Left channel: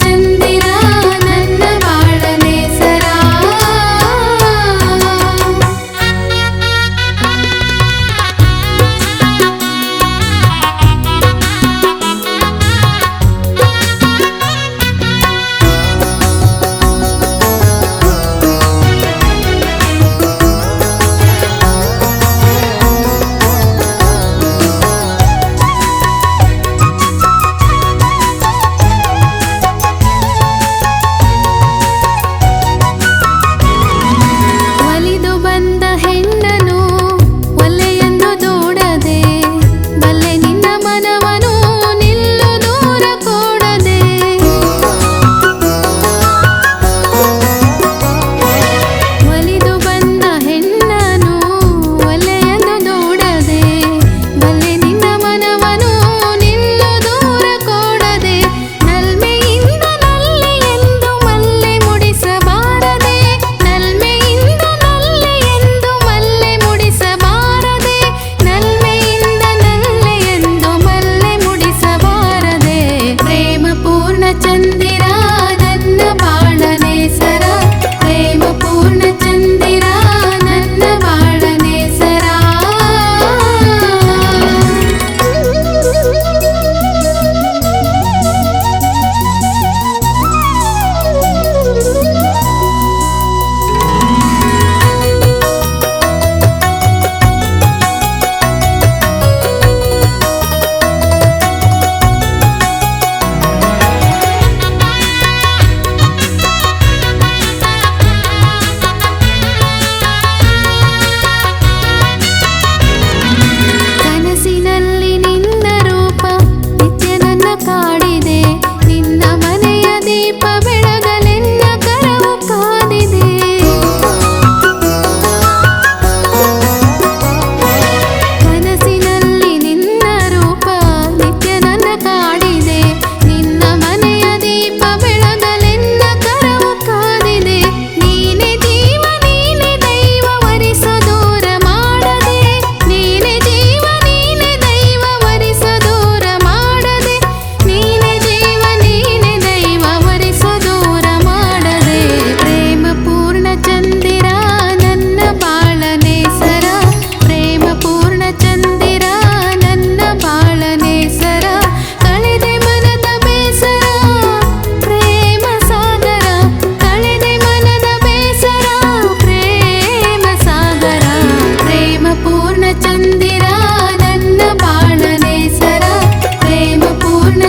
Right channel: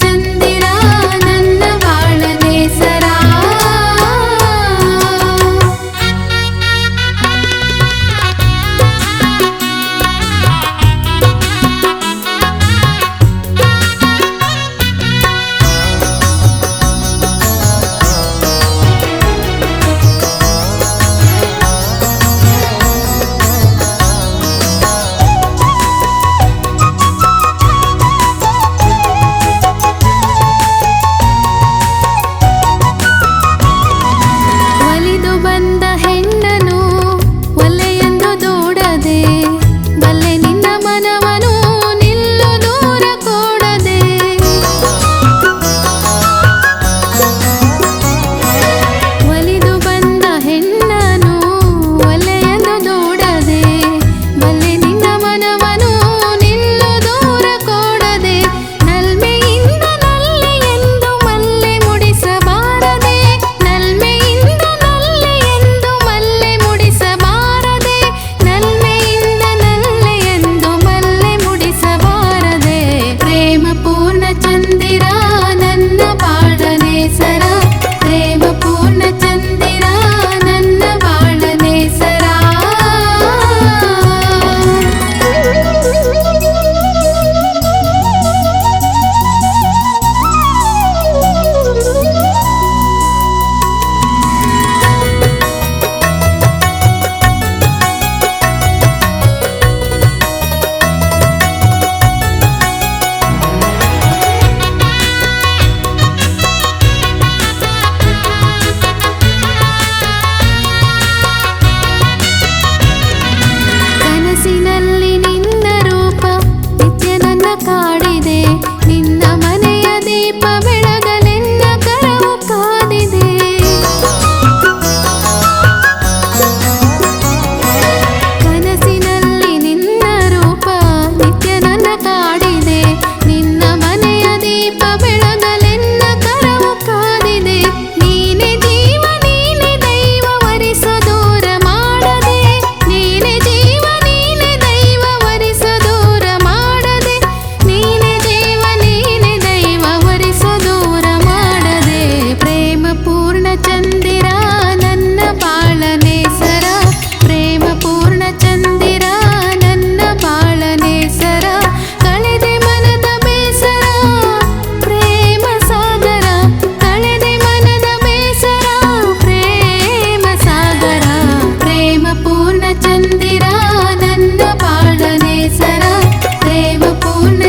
ಚಂದಿರ ನನ್ನ ಬಾಳನೆ ಸರ. ಒಲಿದು ಬಂದ ಹೆಣ್ಣನು ಒಲ್ಲೆಯೆಂದು ದೂಡದೆ, ಬಲ್ಲೆ ನಿನ್ನ ಮನವನು ನಿಲ್ಲು ದೂರ ಕೂಡದೆ. ಒಲಿದು ಬಂದ ಹೆಣ್ಣನು ಒಲ್ಲೆಯೆಂದು ದೂಡದೆ, ಬಲ್ಲೆ ನಿನ್ನ ಮನವನು ನಿಲ್ಲು ದೂರ ಕೂಡದೆ. ನಲ್ಮೆಯಿಂದ ನಲ್ಲೆ ಎಂದು ಮಲ್ಲೆ ಮುಡಿಸಬಾರದೆ, ನಲ್ಮೆಯಿಂದ ನಲ್ಲೆ ಎಂದು ಮಲ್ಲೆ ಮುಡಿಸಬಾರದೆ, ನಲ್ಮೆಯಿಂದ ನಲ್ಲೆ ಎಂದು ಮಲ್ಲೆ ಮುಡಿಸಬಾರದೆ. ಪ್ರೇಮ ಪೂರ್ಣ ಚಂದಿರ ನನ್ನ ಬಾಳನೆ ಸರ, ಪ್ರೇಮ ಪೂರ್ಣ ಚಂದಿರ ನನ್ನ ಬಾಳನೆ ಸರ. ಕನಸಿನಲ್ಲಿ ನಿನ್ನ ರೂಪ ನಿತ್ಯ ನನ್ನ ಕಾಡಿದೆ, ನಿನ್ನ ಮನೆಯ ದೀಪ ಬೆಳಗಲೆನ್ನ ಕರವು ಕಾದಿದೆ. ಕನಸಿನಲ್ಲಿ ನಿನ್ನ ರೂಪ ನಿತ್ಯ ನನ್ನ ಕಾಡಿದೆ, ನಿನ್ನ ಮನೆಯ ದೀಪ ಬೆಳಗಲೆನ್ನ ಕರವು ಕಾದಿದೆ. ನೀನೆ ಜೀವ ನೀನೆ ದೈವ ವರಿಸೋ ದೂರ ಮಾಡದೆ, ನೀನೆ ಜೀವ ನೀನೆ ದೈವ ವರಿಸೋ ದೂರ ಮಾಡದೆ, ನೀನೆ ಜೀವ ನೀನೆ ದೈವ ವರಿಸೋ ದೂರ ಮಾಡದೆ. ಪ್ರೇಮ ಪೂರ್ಣ ಚಂದಿರ ನನ್ನ ಬಾಳನೆ ಸರ, ಪ್ರೇಮ ಪೂರ್ಣ ಚಂದಿರ ನನ್ನ ಬಾಳನೆ ಸರ. ಕಳೆದೆ ಮನದ ಬೇಸರ ಪ್ರೇಮ ಸಾಗರ, ಕಳೆದೆ ಮನದ ಬೇಸರ ಪ್ರೇಮ ಸಾಗರ. ಪ್ರೇಮ ಪೂರ್ಣ ಚಂದಿರ ನನ್ನ ಬಾಳನೆ ಸರ, ಪ್ರೇಮ ಪೂರ್ಣ